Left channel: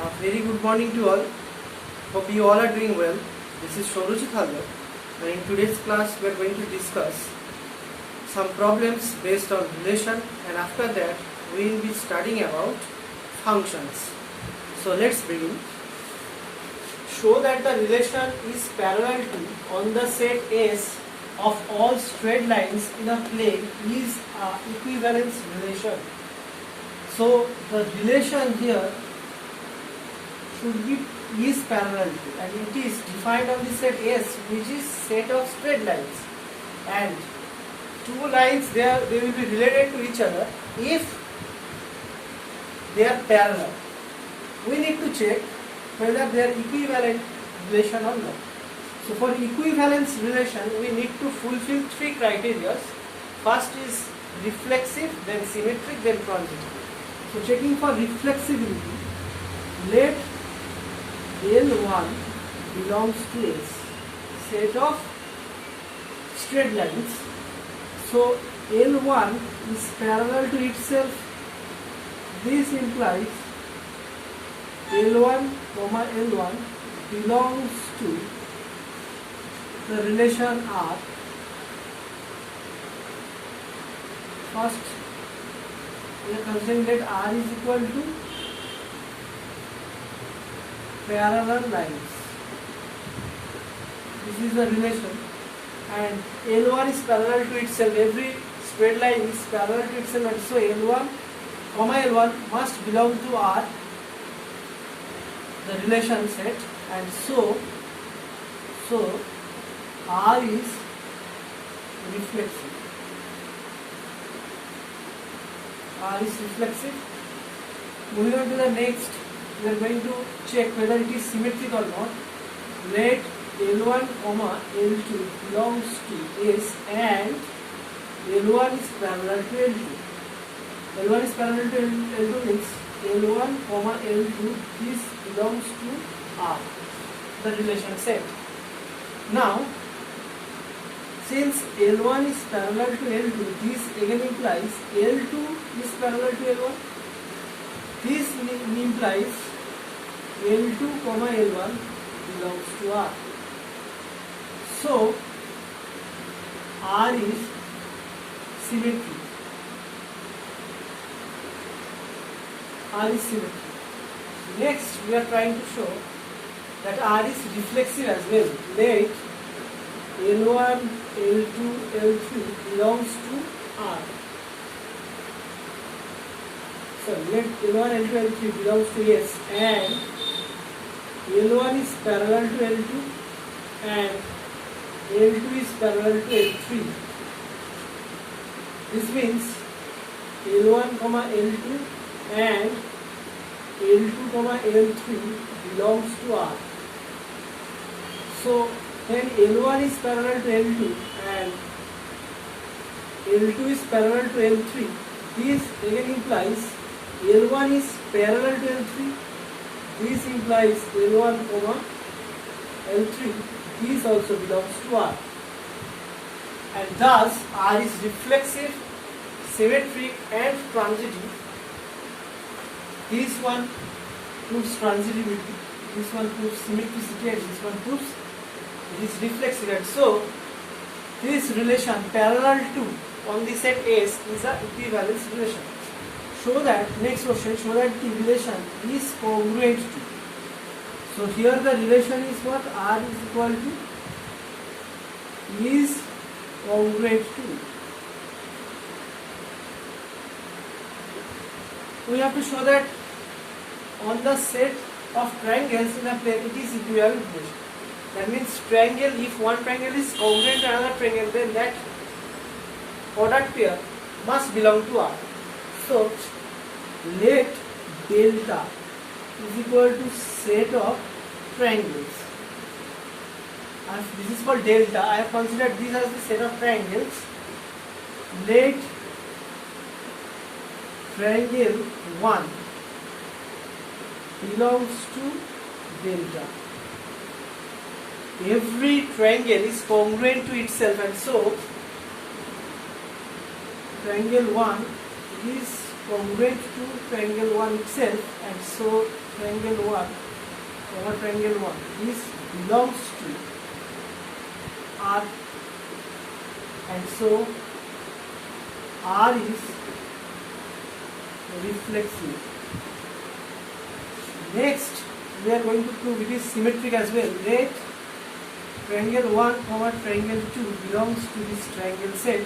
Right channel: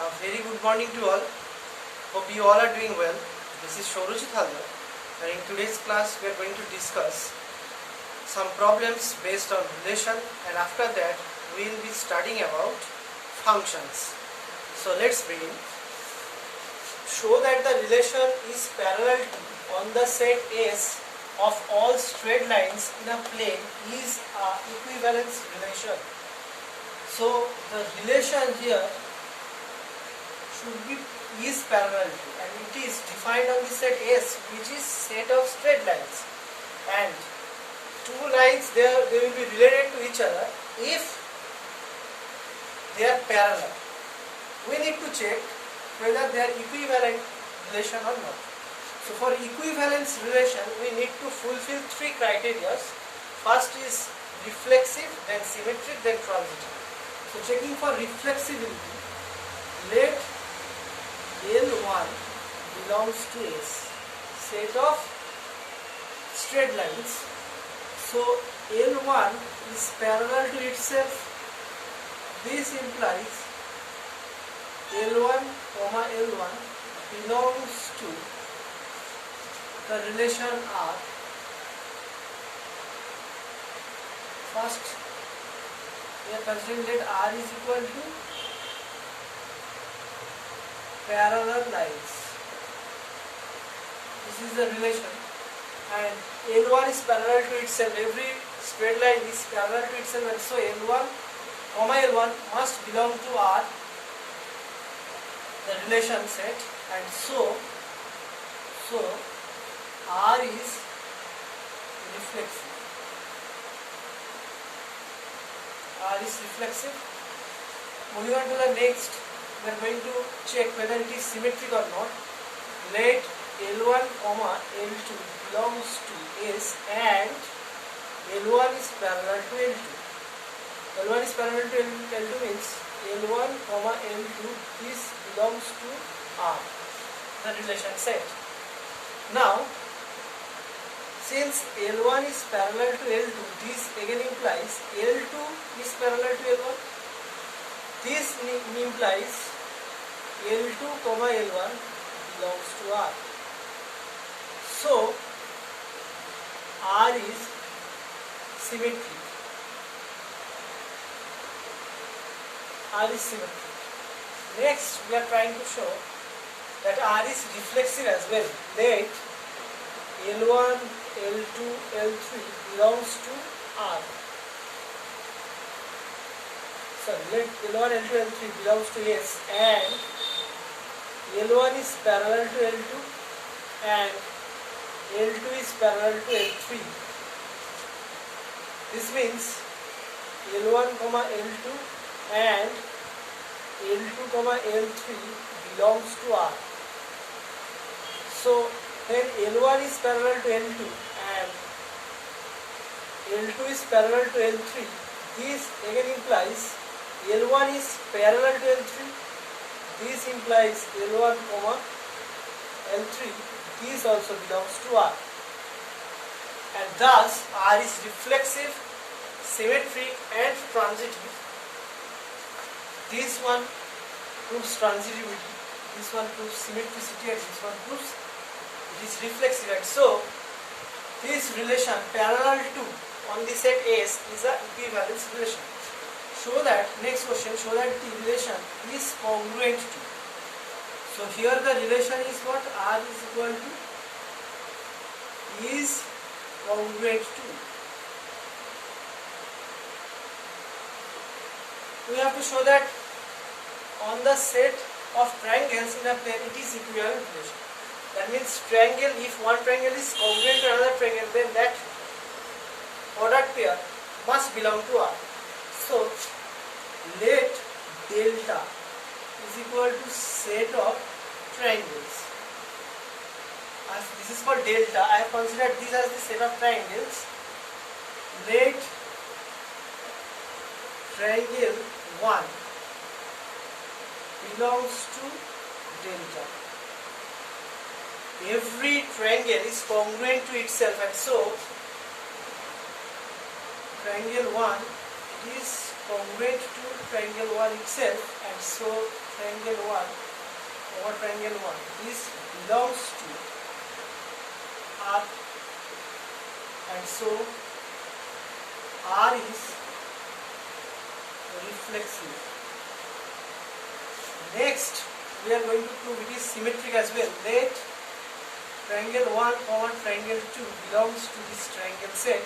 A very good morning to all. Hope you all are doing well. This is Saurojit Haldar, and in today's class we are going to discuss some problems based on relation, and after that we will be studying about functions. So let's begin. Show that the relation is parallel to on the set S of all straight lines in a plane is a equivalence relation. So the relation here should be is parallel to, and it is defined on the set S, which is set of straight lines, and two lines they will be related to each other if they are parallel. We need to check whether they are equivalent relation or not. So for equivalence relation we need to fulfill three criteria. First is reflexive, then symmetric, then transitive. So checking for reflexivity, let L1 belongs to S, set of straight lines. So L1 is parallel to itself. This implies L1, L1 belongs to the relation R. First, we are considering that R is equal to parallel lines. This is the relation, and L1 is parallel to itself. Every straight line is parallel to itself, and so L1, L1 must belong to R, the relation set, and so R is reflexive. R is reflexive. Moving on to the next, we are going to check whether it is symmetric or not. Let L1, L2 belongs to S, and L1 is parallel to L2. L1 is parallel to L2 means L1, L2 this belongs to R, the relation set. Now, since L1 is parallel to L2, this again implies L2 is parallel to L1. This implies L2, L1 belongs to R. So, R is symmetric. R is symmetric. Next, we are trying to show that R is reflexive as well. Let L1, L2, L3 belongs to R. So let L1, L2, L3 belongs to S, and L1 is parallel to L2 and L2 is parallel to L3. This means L1, L2 and L2, L3 belongs to R. So when L1 is parallel to L2 and L2 is parallel to L3, this again implies L1 is parallel to L3. This implies L1, L3. This also belongs to R. And thus R is reflexive, symmetric, and transitive. This one proves transitivity, this one proves symmetricity, and this one proves it is reflexive. And so this relation parallel to on the set S is a equivalence relation. Show that, next question, show that the relation is congruent to. So here the relation is what? R is equal to is congruent to. We have to show that on the set of triangles in a plane it is equivalent relation. That means triangle, if one triangle is congruent to another triangle, then that product pair must belong to R. So let delta is equal to set of triangles. As this is called delta, I have considered this as the set of triangles. Let triangle 1 belongs to delta. Every triangle is congruent to itself, and so triangle 1 is congruent to triangle 1 itself, and so triangle 1 over triangle 1, this belongs to R, and so R is reflexive. Next, we are going to prove it is symmetric as well. Let triangle 1 over triangle 2 belongs to this triangle set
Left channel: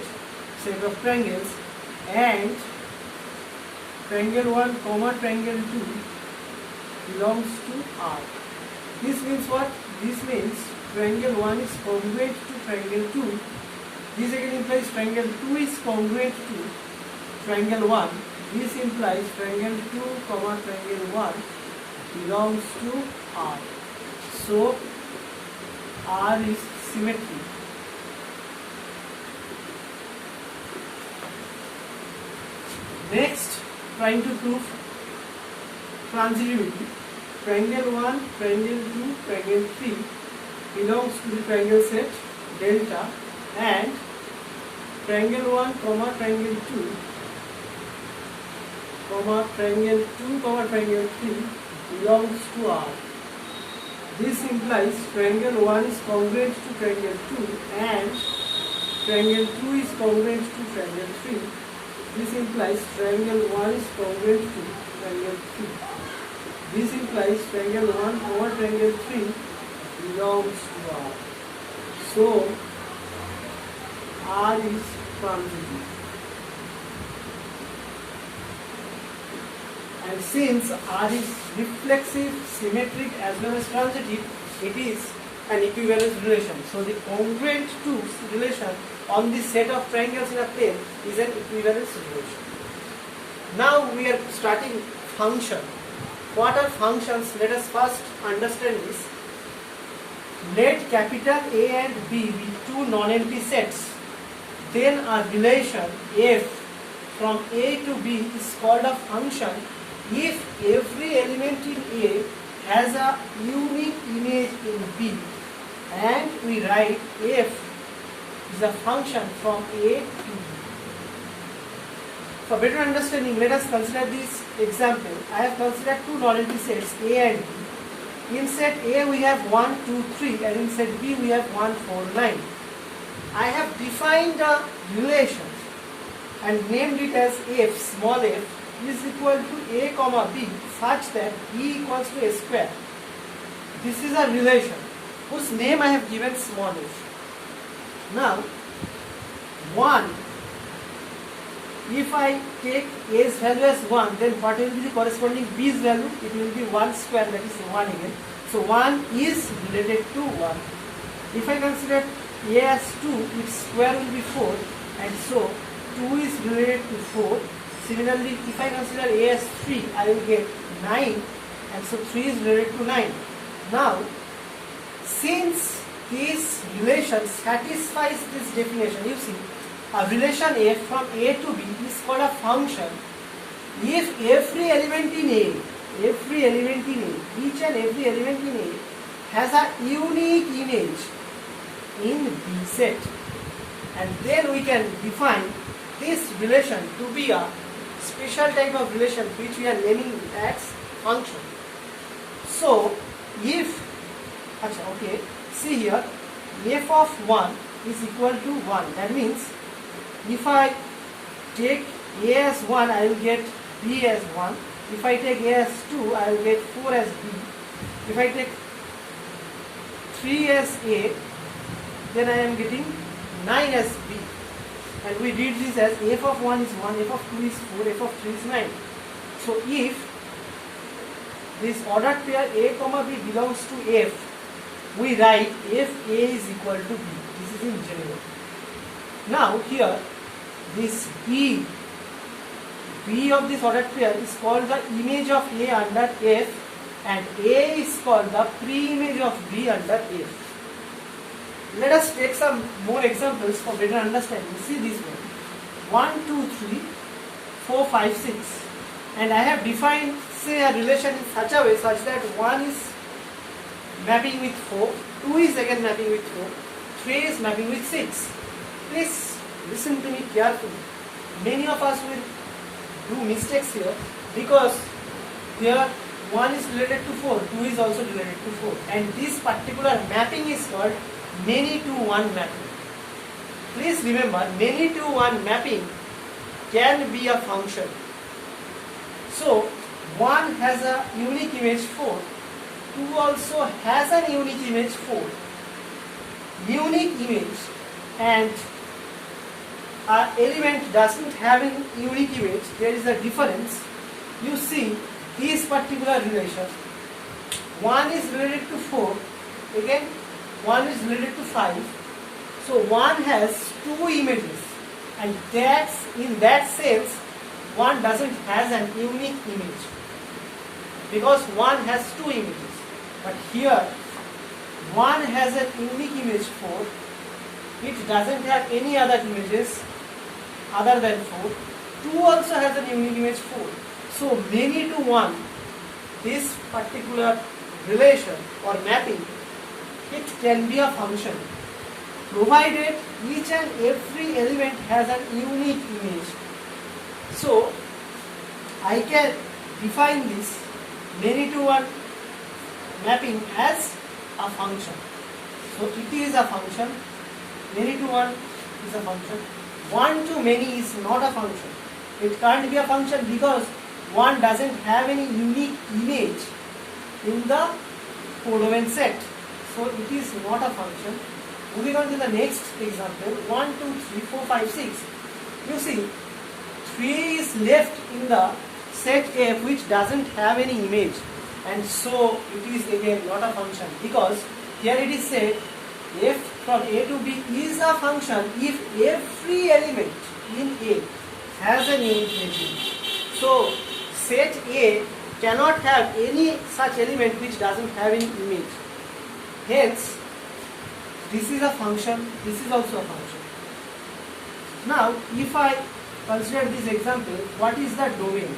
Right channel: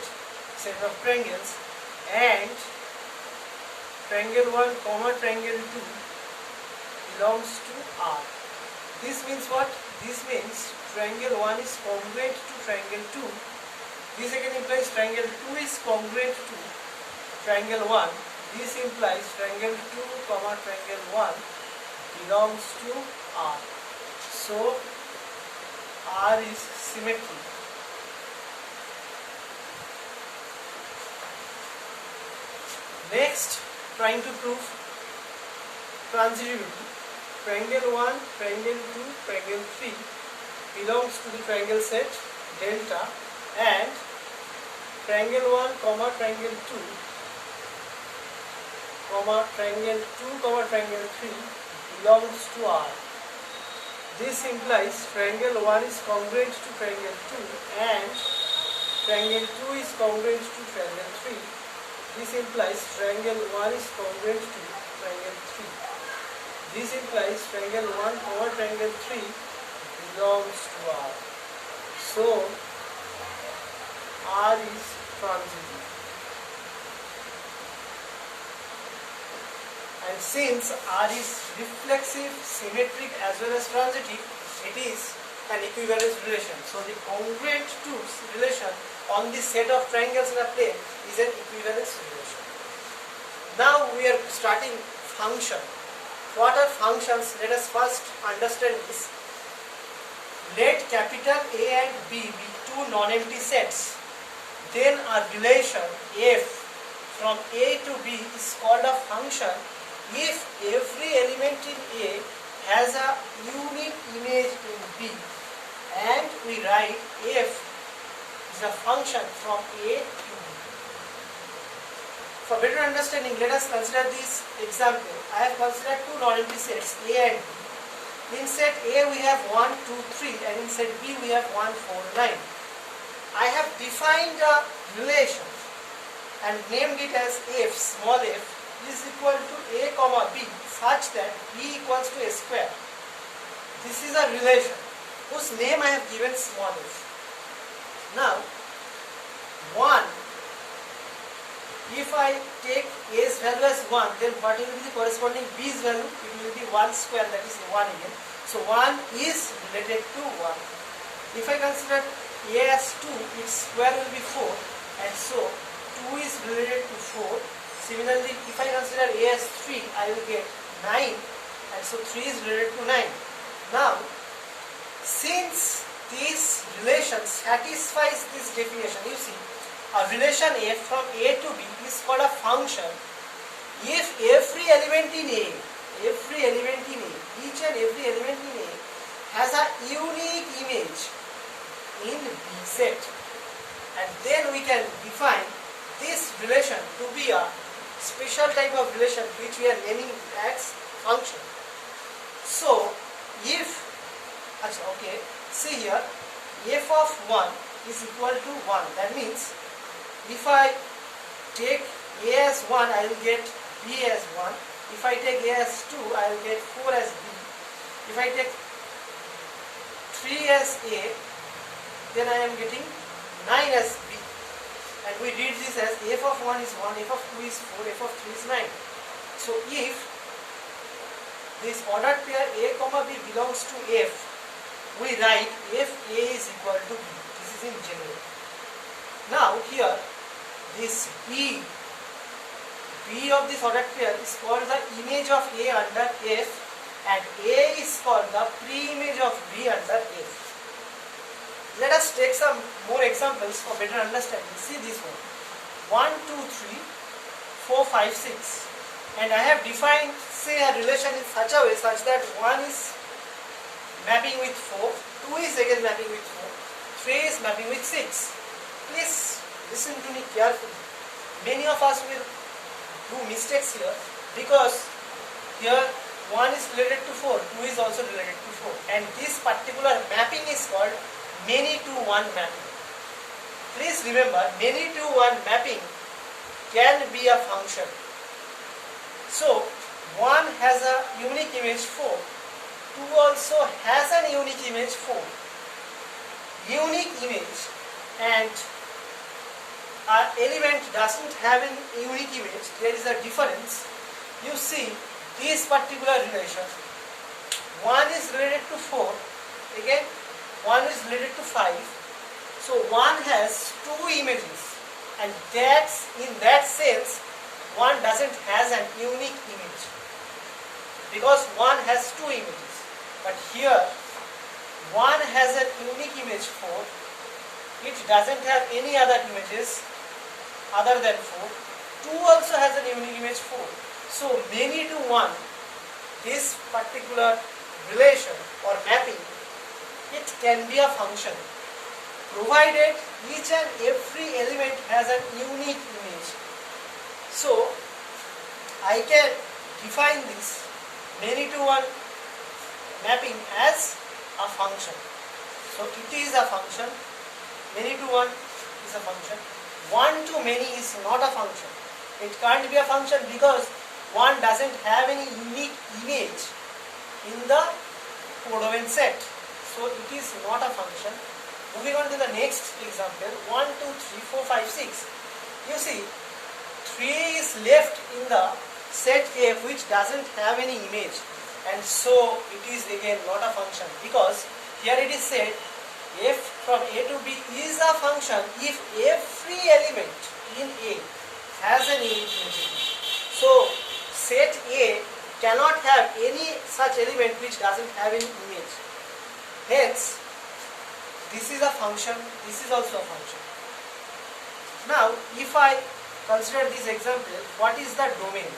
of triangles, and triangle 1 comma triangle 2 belongs to R. This means what? This means triangle 1 is congruent to triangle 2. This again implies triangle 2 is congruent to triangle 1. This implies triangle 2 comma triangle 1 belongs to R. So R is symmetric. Next, trying to prove transitivity. Triangle 1, triangle 2, triangle 3 belongs to the triangle set delta, and triangle 1 comma triangle 2 comma triangle 2 comma triangle 3 belongs to R. This implies triangle 1 is congruent to triangle 2 and triangle 2 is congruent to triangle 3. This implies triangle 1 is congruent to triangle 3. This implies triangle 1 over triangle 3 belongs to R. So R is transitive. And since R is reflexive, symmetric as well as transitive, it is an equivalence relation. So the congruent to relation on the set of triangles in a plane is an equivalence relation. Now we are starting function. What are functions? Let us first understand this. Let capital A and B be two non-empty sets. Then a relation f from A to B is called a function if every element in A has a unique image in B, and we write f is a function from A to B. For better understanding, let us consider this example. I have considered two non-empty sets A and B. In set A we have 1, 2, 3, and in set B we have 1, 4, 9. I have defined a relation and named it as f, small f, is equal to A comma B such that B equals to A square. This is a relation whose name I have given small f. Now, 1, if I take A's value as 1, then what will be the corresponding B's value? It will be 1 square, that is 1 again. So 1 is related to 1. If I consider A as 2, its square will be 4, and so 2 is related to 4. Similarly, if I consider A as 3, I will get 9, and so 3 is related to 9. Now, since this relation satisfies this definition, you see, a relation f from A to B is called a function if every element in A, each and every element in A has a unique image in B set. And then we can define this relation to be a special type of relation which we are naming as function. So, if, okay, see here, f of 1 is equal to 1. That means, if I take A as 1, I will get B as 1. If I take A as 2, I will get 4 as B. If I take 3 as A, then I am getting 9 as B. And we did this as f of 1 is 1, f of 2 is 4, f of 3 is 9. So if this ordered pair A comma B belongs to F, we write if A is equal to B. This is in general. Now here, this B of this ordered pair is called the image of A under F, and A is called the pre-image of B under F. Let us take some more examples for better understanding. See this one. 1, 2, 3, 4, 5, 6. And I have defined, say, a relation in such a way such that 1 is mapping with 4, 2 is again mapping with 4, 3 is mapping with 6. Please listen to me carefully. Many of us will do mistakes here because here 1 is related to 4, 2 is also related to 4, and this particular mapping is called many to one mapping. Please remember, many to one mapping can be a function. So 1 has a unique image 4, 2 also has an unique image 4. Unique image and an element doesn't have a unique image, there is a difference. You see this particular relation, 1 is related to 4, again 1 is related to 5. So 1 has 2 images, and in that sense 1 doesn't has an unique image, because 1 has 2 images. But here 1 has a unique image 4, it doesn't have any other images other than 4. 2 also has a unique image 4. So many to one, this particular relation or mapping, it can be a function, provided each and every element has a unique image. So I can define this many to one mapping as a function. So it is a function, many to one is a function, one to many is not a function. It can't be a function because 1 doesn't have any unique image in the codomain set. So it is not a function. Moving on to the next example, 1, 2, 3, 4, 5, 6. You see, 3 is left in the set F which doesn't have any image, and so it is again not a function, because here it is said F from A to B is a function if every element in A has an unique image. So set A cannot have any such element which doesn't have any image. Hence, this is a function, this is also a function. Now, if I consider this example, what is the domain?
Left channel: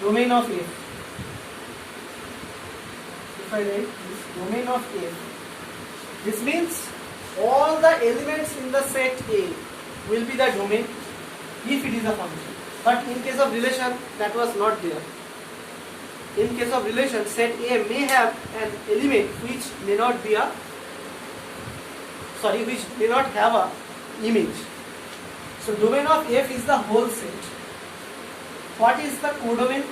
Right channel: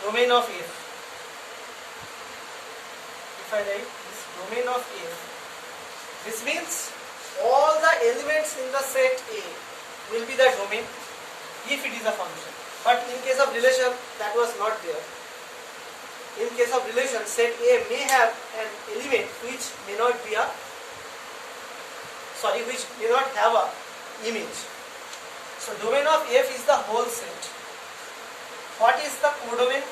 Domain of F. If I write this domain of F, this means all the elements in the set A will be the domain if it is a function. But in case of relation, that was not there. In case of relation, set A may have an element which may not have a image. So domain of F is the whole set. What is the codomain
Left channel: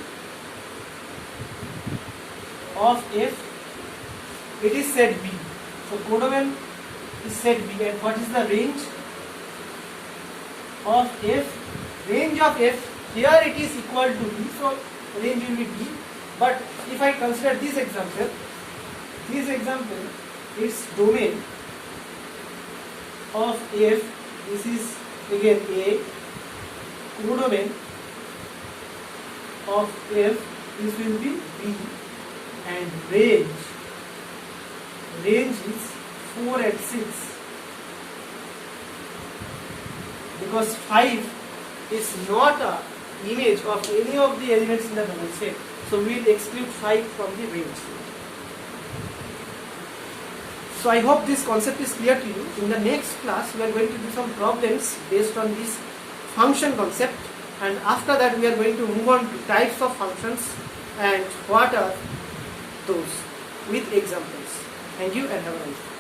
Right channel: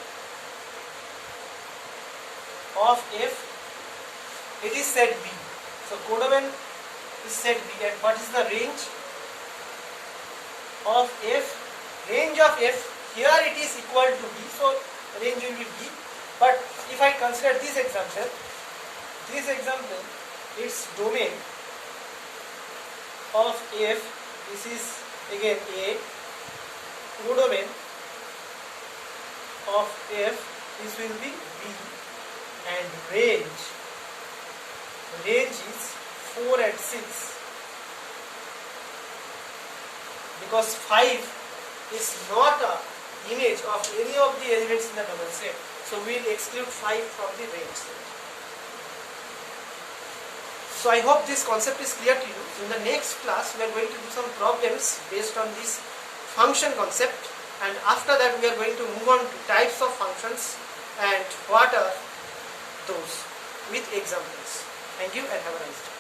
of F? It is set B. So codomain is set B, and what is the range of F? Range of F, here it is equal to B, so range will be B. But if I consider this example, its domain of F, this is again A, codomain of F, this will be B, and range is 4 and 6, because 5 is not an image of any of the elements in the double set. So we will exclude 5 from the range set. So I hope this concept is clear to you. In the next class, we are going to do some problems based on this function concept, and after that we are going to move on to types of functions and what are those with examples. Thank you and have a nice day.